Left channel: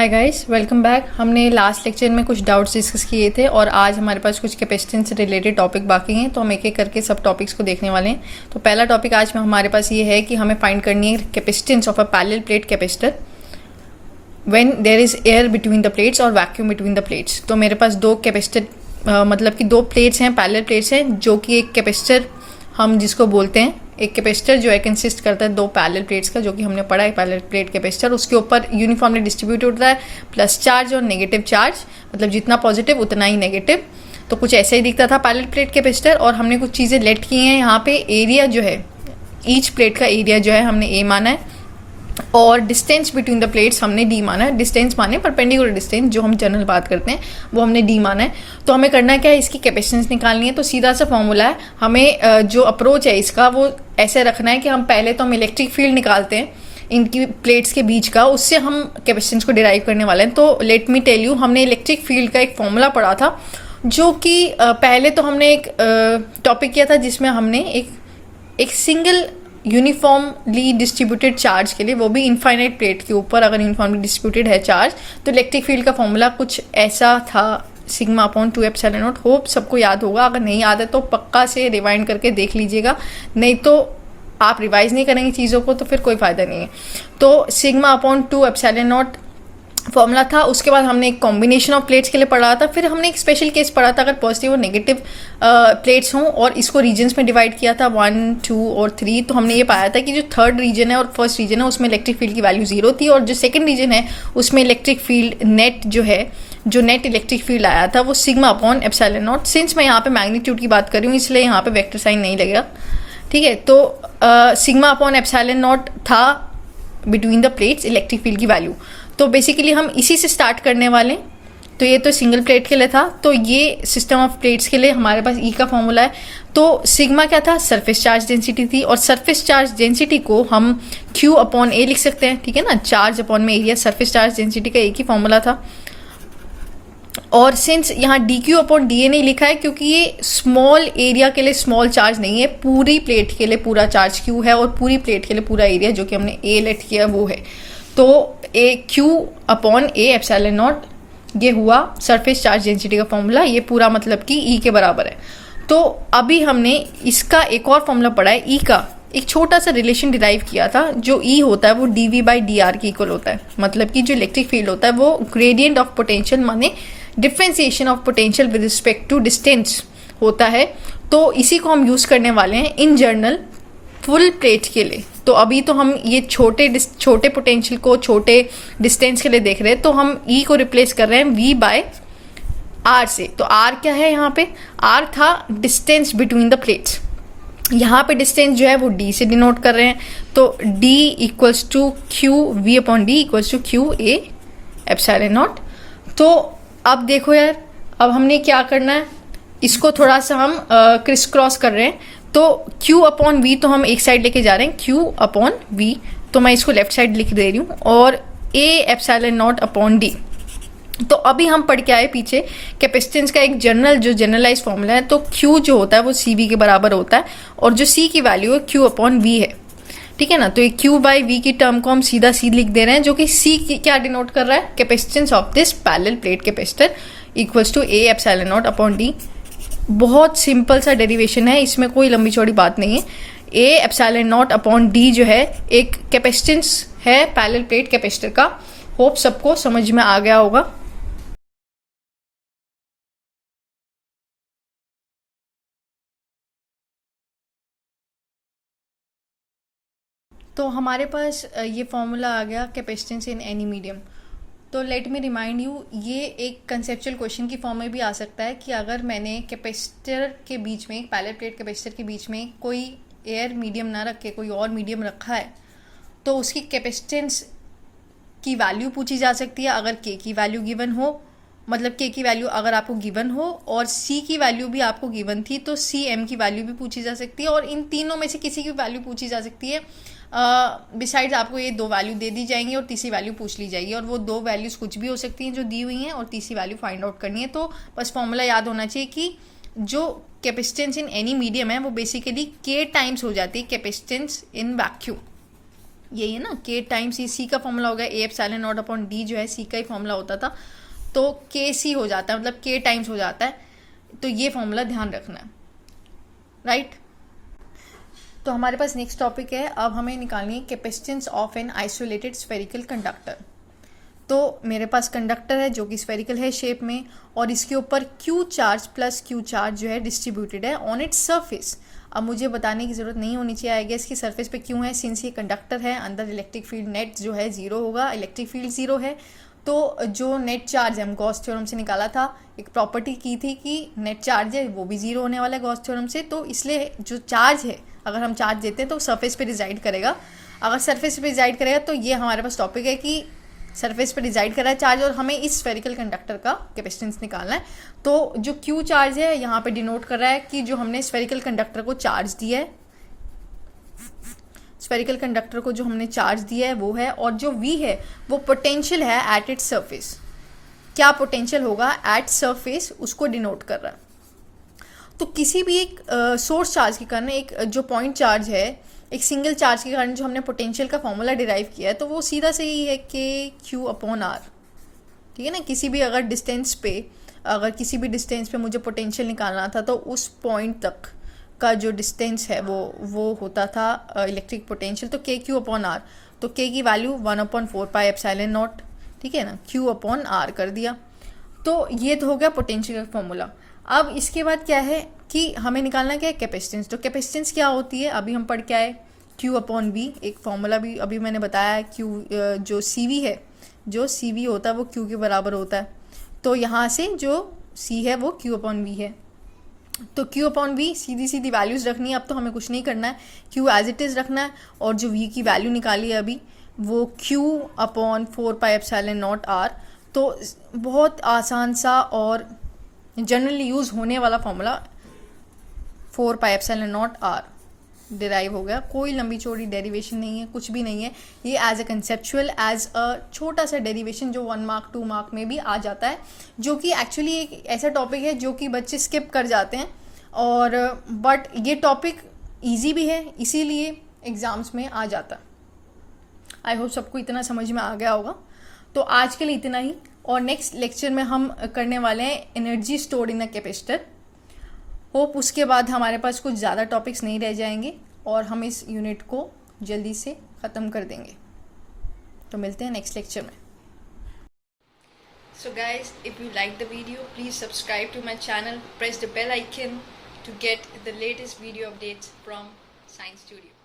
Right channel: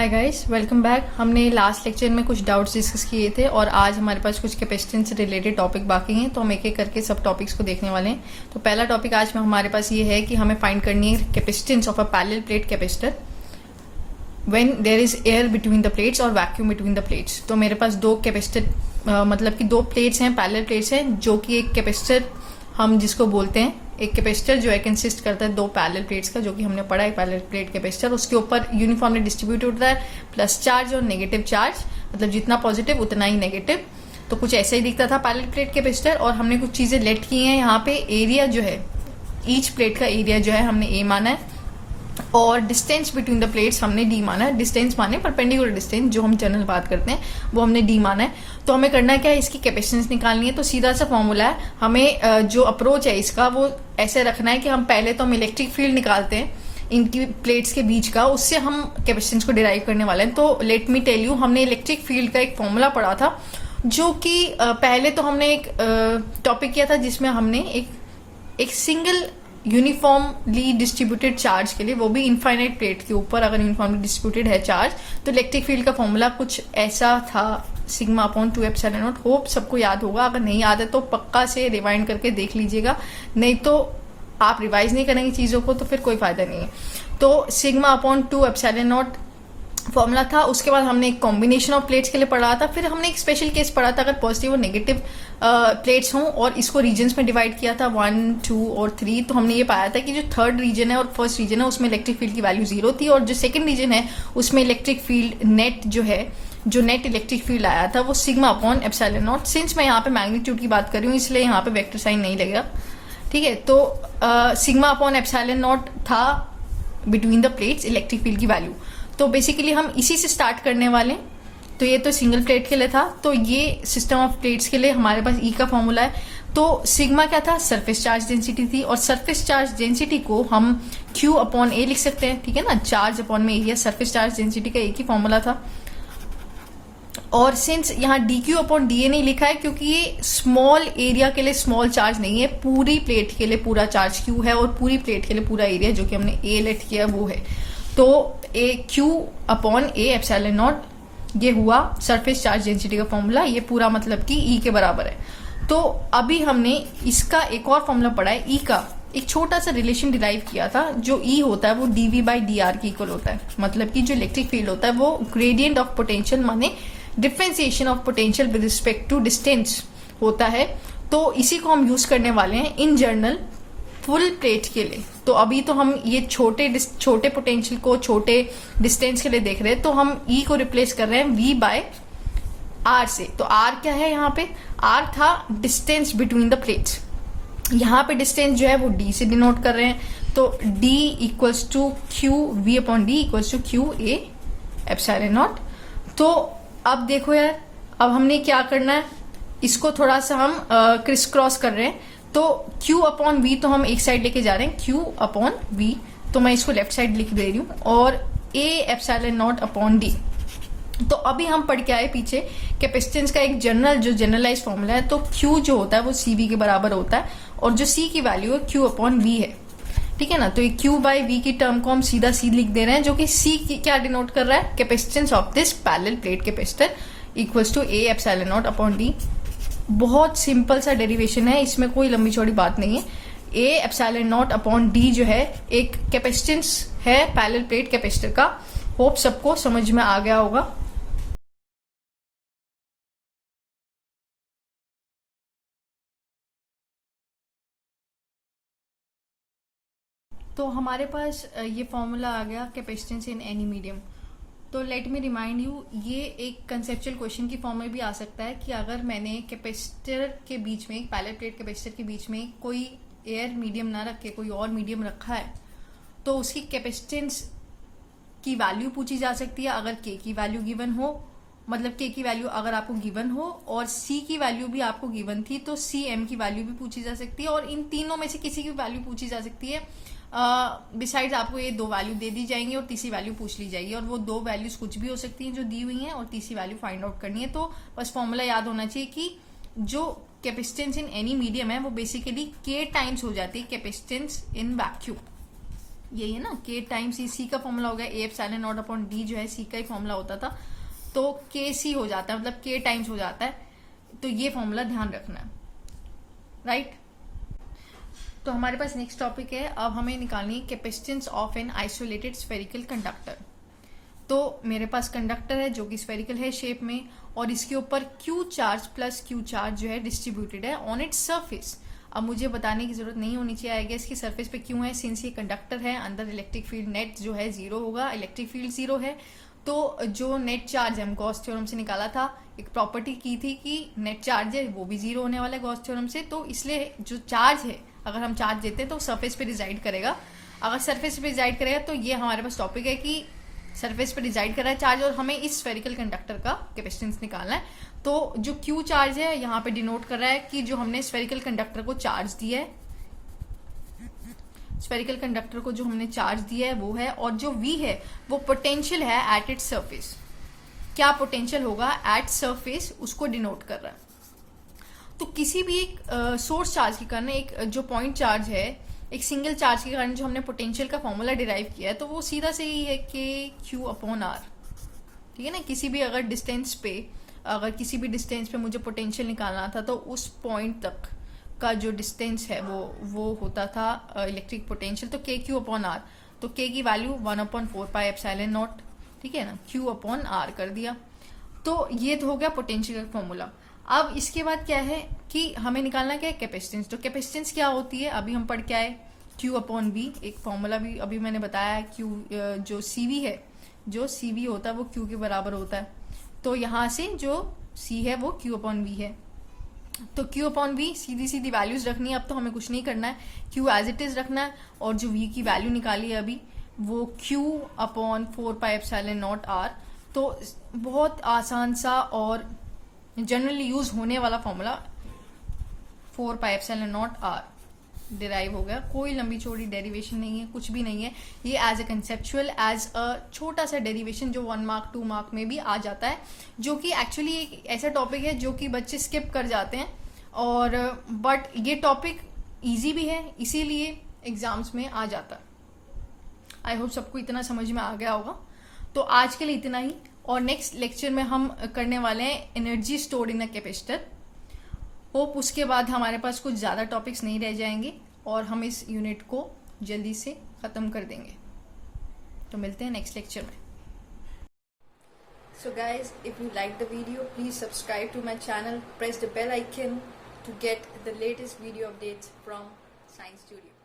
Hi guys, welcome back. हमने last lecture में कुछ डाउट्स डिस्कस किए थे और आज हमारे पास कुछ कैपेसिटेंस से रिलेटेड टॉपिक बाकी हैं, तो हम एक एक करके सब टॉपिक्स को देखने वाले हैं। तो पहला टॉपिक आज में हमारे पास ये है कि हमें फाइंड करनी है capacitance of a parallel plate capacitor when there is air between the plates और वैक्यूम बिटवीन द प्लेट्स। तो मेरे पास दो कैपेसिटर मतलब कि दो प्लेट्स हैं, पैरेलल प्लेट्स हैं, जो कि एक कैपेसिटर हम जिसको बोलते हैं, एक कैपेसिटर जो है कंसिस्ट करता है दो पैरेलल प्लेट्स का, जो कि हमने पढ़ा है पैरेलल प्लेट कैपेसिटर। उसके ऊपर यूनिफॉर्मली डिस्ट्रीब्यूट होता है प्लस चार्ज और नेगेटिव चार्ज, मतलब जितना पॉजिटिव उतना ही नेगेटिव। तो कुछ ऐसे ही दिखता था पैरेलल प्लेट कैपेसिटर। और हमने कुछ चीजें लेट की हैं यहाँ पे। एरिया जो है, ईच प्लेट का एरिया जो है हमने ए माना है, और डिस्टेंस बिटवीन द प्लेट्स हमने डी माना है। डिस्टेंस माने परपेंडिकुलर डिस्टेंस, जो हम जनरल बात करते हैं, वो हमने डी माना है। तो हमें करना क्या है, इसकी कैपेसिटेंस निकालनी है। तो सीधा सा फॉर्मूला है, हमें जो अप्रोच है इसका वो ऐसे रखना है कि हम पहले तो हम इलेक्ट्रिक फील्ड निकालते हैं इनकी प्लेट्स के बीच का, उससे हम कैपेसिटेंस को डिराइव करने वाले हैं। तो लेट मी टेल यू, हमने इलेक्ट्रिक फील्ड का एक फॉर्मूला पढ़ा था, जो कि पहले तो हमने एक टॉपिक किया था जिसमें हमने एक सिंगल यूनिफॉर्मली डिस्ट्रीब्यूटेड चार्ज के लिए, वो भी इनफाइनाइट प्लेट के ऊपर अगर यूनिफॉर्मली डिस्ट्रीब्यूटेड है चार्ज, तो इलेक्ट्रिक फील्ड का फॉर्मूला कुछ ऐसा था, sigma upon 2 epsilon not. Hope सबको याद होगा। अगर नहीं याद है तो पक्का से रिवाइंड करके देख लीजिएगा, नहीं तो आप रिवाइज नहीं करेंगे चीज़ों को तो फिर कोई फायदा नहीं है। तो sigma upon 2 epsilon not formula था। उसके बाद हमने एक कॉम्बिनेशन ऑफ प्लेट्स के लिए पढ़ा था। फिर हमने एक स्पेशल केस पढ़ा था, अगर पॉजिटिव और नेगेटिव प्लेट्स हों, और इसको रीजन्स में डिवाइड किया था 1, 2 और 3। तो हमने ये पाया था कि जो थर्ड रीजन है और फर्स्ट रीजन है उसमें इलेक्ट्रिक फील्ड की वैल्यू 0 थी, और जो सेकंड रीजन है उसमें इलेक्ट्रिक फील्ड नेट जो नेट इलेक्ट्रिक फील्ड आया था वो sigma upon epsilon not. Since मैं यहाँ पे मैग्नीट्यूड की बात कर रही हूँ इसलिए यहाँ पे वेक्टर साइन नहीं लगेगा, ठीक है। तो सिग्मा अपॉन एप्सिलॉन नॉट था between the plates electric field की वैल्यू। तो बेसिकली हम इसी से स्टार्ट करने वाले हैं। तो ये तो सिंगल प्लेट के लिए था, तो ये सिस्टम ऑफ प्लेट्स के लिए हमारे पास ई का फॉर्मूला है। तो सिग्मा क्या था, सरफेस चार्ज डेंसिटी थी, और सरफेस चार्ज डेंसिटी को हम क्यू अपॉन ए लिख सकते हैं, ठीक है ना। चार्ज अपॉन में एरिया, सरफेस चार्ज डेंसिटी का एक ही फॉर्मूला था। और सिंस यहाँ D Q upon D A नहीं लिखा है, क्योंकि ये स्मॉल एरिया के लिए स्मॉल चार्ज नहीं है, पूरी प्लेट के लिए पूरा चार्ज क्यू है, और पूरी प्लेट के लिए पूरा एरिया जो कि हमने ए लेट किया वो है। तो A Q upon A epsilon naught, ये हुआ सरफेस चार्ज डेंसिटी का फॉर्मूला। ये पूरा मतलब कि ई के बराबर है। तो अभी हमने इसका एक और फॉर्मूला पढ़ा है, ई का एक छोटा सा रिलेशन डिराइव किया था। जो ई होता है वो dv बाई डी आर के इक्वल होता है, मतलब कि जो इलेक्ट्रिक फील्ड होता है वो ग्रेडियंट ऑफ पोटेंशियल माने differentiation of potential with respect to distance होता है। तो इसी को हम यूज करने वाले हैं इन जनरल फुल प्लेट के लिए। तो अभी तो हम ये छोटे पोटेंशियल को छोटे डिस्टेंस के लिए देख रहे हैं, तो हम ई को रिप्लेस कर रहे हैं वी बाय आर से। तो आर क्या है, यहाँ पे आर था डिस्टेंस बिटवीन द प्लेट्स। यहाँ पे डिस्टेंस जो है वो डी से डिनोट कर रहे हैं। तो D equals to Q V upon D equals to Q A epsilon naught. तो अब देखो यार, अब हमने क्या करना है, इसको थोड़ा सा हम क्रिस क्रॉस कर रहे हैं। तो Q अपॉन V तो हम एक साइड लेके जा रहे हैं, Q अपॉन V, तो मैं इसको लेफ्ट साइड लिख दे रही हूँ, और A epsilon naught upon D। तो अभी हम पढ़ के आए पीछे कैपेसिटेंस का एक जनरलाइज फॉर्मूला है। तो Q जो होता है वो CV के बराबर होता है, और जो C की वैल्यू है Q अपॉन V है, ठीक है ना। तो ये Q बाई V की टर्म को हम सीधा C लिख दे रहे हैं, जो कि C की क्या डिनोट कर रहा है, capacitance of this parallel plate capacitor equals to A epsilon naught upon D। बहुत सिंपल सा डेरिवेशन है, इसमें कोई लंबी चौड़ी बात नहीं है। A epsilon naught upon D जो है एक कैपेसिटेंस है पैरेलल प्लेट कैपेसिटर का। होप सबको समझ में आ गया होगा। तो हमारे पास ये फॉर्मूला आ गया कैपेसिटेंस इन एनी मीडियम। तो लेट मी रिमाइंड यू, ये एक कंसेप्चुअल क्वेश्चन की फॉर्म में भी आ सकता है कि अगर मैंने कैपेसिटर के बीच में, पैरेलल प्लेट कैपेसिटर के बीच में कोई एयर मीडियम ना रख के कोई और मीडियम रखा है, तो उसकी कैपेसिटेंस की वैल्यू पूछी जा सकती है। अगर के की वैल्यू गिवन हो, मतलब के की वैल्यू अगर आपको गिवन हो और सी की वैल्यू भी आपको गिवन थी, तो सी एम की वैल्यू भी पूछी जा सकती है, और इन तीनों में से किसी की वैल्यू पूछी जा सकती है। बिसाइड्स आपको ये दो वैल्यू दे दी जाएंगी और तीसरी वैल्यू पूछ ली जाएगी, और वो दो वैल्यूज कुछ भी हो सकती हैं जो दी हुई हैं, और तीसरी वैल्यू फाइंड आउट करनी है। तो बस फॉर्मूला याद होना चाहिए कि जो कैपेसिटेंस इन एनी मीडियम है वो बेसिकली के टाइम्स हो जाती है कैपेसिटेंस इन वैक्यूम। यही है ना, के टाइम सी का फॉर्मूला हो गया ए एप्सिलॉन नॉट अपॉन डी, जो है सी का ही फॉर्मूला होता था, तो के सी हो जाता है, मतलब के टाइम्स हो जाता है। तो ये फॉर्मूला ध्यान रखना है, राइट। तो हमारे पास नेक्स्ट टॉपिक है, अब हमें निकालनी है capacitance of an isolated spherical conductor. तो मेरे पास कंडक्टर है जो कि स्फेरिकल है शेप में, और इसके ऊपर Q charge plus Q charge जो है डिस्ट्रीब्यूटेड है ऑन इट्स सरफेस। अब मुझे बताने की जरूरत नहीं होनी चाहिए, आई गेस इसकी सरफेस पे क्यों है, सिंस ये कंडक्टर है, अंदर इलेक्ट्रिक फील्ड नेट जो है जीरो होगा, इलेक्ट्रिक फील्ड जीरो है। तो जो नेट चार्ज है, हम गॉस थ्योरम से निकाला था, एक प्रॉपर्टी की थी कि नेट चार्ज है वो भी जीरो होने वाला है गॉस थ्योरम से, तो इसलिए जो चार्ज है, अगर हम चार्ज देते हैं तो सरफेस पे रिजाइड करेगा। अगर सरफेस पे रिजाइड करेगा तो ये हमारे पास टॉपिक है कि सरफेस पे रिजाइड कर रहा है चार्ज, और हमें इस स्फेरिकल कंडक्टर का कैपेसिटेंस निकालना है। तो जो क्यू चार्ज है यहाँ पे डिनोट कर रहा है कि जो हमने स्फेरिकल कंडक्टर को चार्ज दिया है, स्फेरिकल कंडक्टर को जो हमने चार्ज दिया है वो है, और जो V है वो पोटेंशियल है एट इट्स सरफेस। क्या पोटेंशियल होगा एट सरफेस, उसको डिनोट कर रहा है। तो किसी भी एक सोर्स चार्ज के कारण, एक जो पॉइंट चार्ज है, एक सिंगल चार्ज के कारण जो हमने पोटेंशियल का फॉर्मूला डिराइव किया है, तो वो सीधा से ही है के क्यू अपॉन आर, ठीक है ना। किसी भी अगर डिस्टेंस पे, अगर किसी भी डिस्टेंस पे मुझे पोटेंशियल निकालना था, तो उस पॉइंट तक का जो डिस्टेंस है वो होता था इलेक्ट्रिक पोटेंशियल, तो के क्यू अपॉन आर। तो के की वैल्यू 1/4 एप्सिलॉन नॉट, ठीक है ना, क्यू अपॉन आर कर दिया। तो ये तो हो गया पोटेंशियल का फॉर्मूला। अब इसके बाद क्या है कि हमें निकालना क्या है, कैपेसिटेंस। तो कैपेसिटेंस क्या होती है, अभी हम पढ़ के आए, क्यू अपॉन बी, एक फॉर्मूला भी अभी मैंने बताया है, क्यू जो सी है, जो सी वी होता है वो क्यू के बराबर होता है। तो यहाँ से जो सी है वो क्यू अपॉन वी है, तो क्यू अपॉन वी सीधी सीधी वैल्यूज रखनी है। अब तो हमें कुछ नहीं करना है, क्यू एज इट इज रखना है, और जो वी की वैल्यू निकाली है अभी वो Q upon 4 epsilon naught R. तो बहुत आसान सा और जनरली यूज होने वाला formula 4 epsilon naught R derive हो गया। कोई लंबी चौड़ी डेरिवेशन नहीं है, कुछ भी नहीं है, ये as a conceptual, as a छोटा सा डेरिवेशन जो 1 मार्क 2 मार्क में भी आ जाता है, जो कि एक्चुअली एक ऐसा टॉपिक है जो कि बच्चे स्किप कर जाते हैं, और बट ये टॉपिक इजी भी है, इसीलिए एग्जाम्स में आ जाता है। आई होप सबको इतना समझ में आ गया होगा। तो आज के लिए इतना ही, और नेक्स्ट लेक्चर में हम करने वाले हैं energy stored in a capacitor. Hope उसके बाद हमारे पास कुछ ज़्यादा टॉपिक्स नहीं रह जाएंगे और हम इस यूनिट को जल्दी से ख़त्म कर देंगे। तो मिलते हैं नेक्स्ट लेक्चर में। So guys, if you like the video, please subscribe to my channel, press the bell icon to get the latest video updates from Science Studio.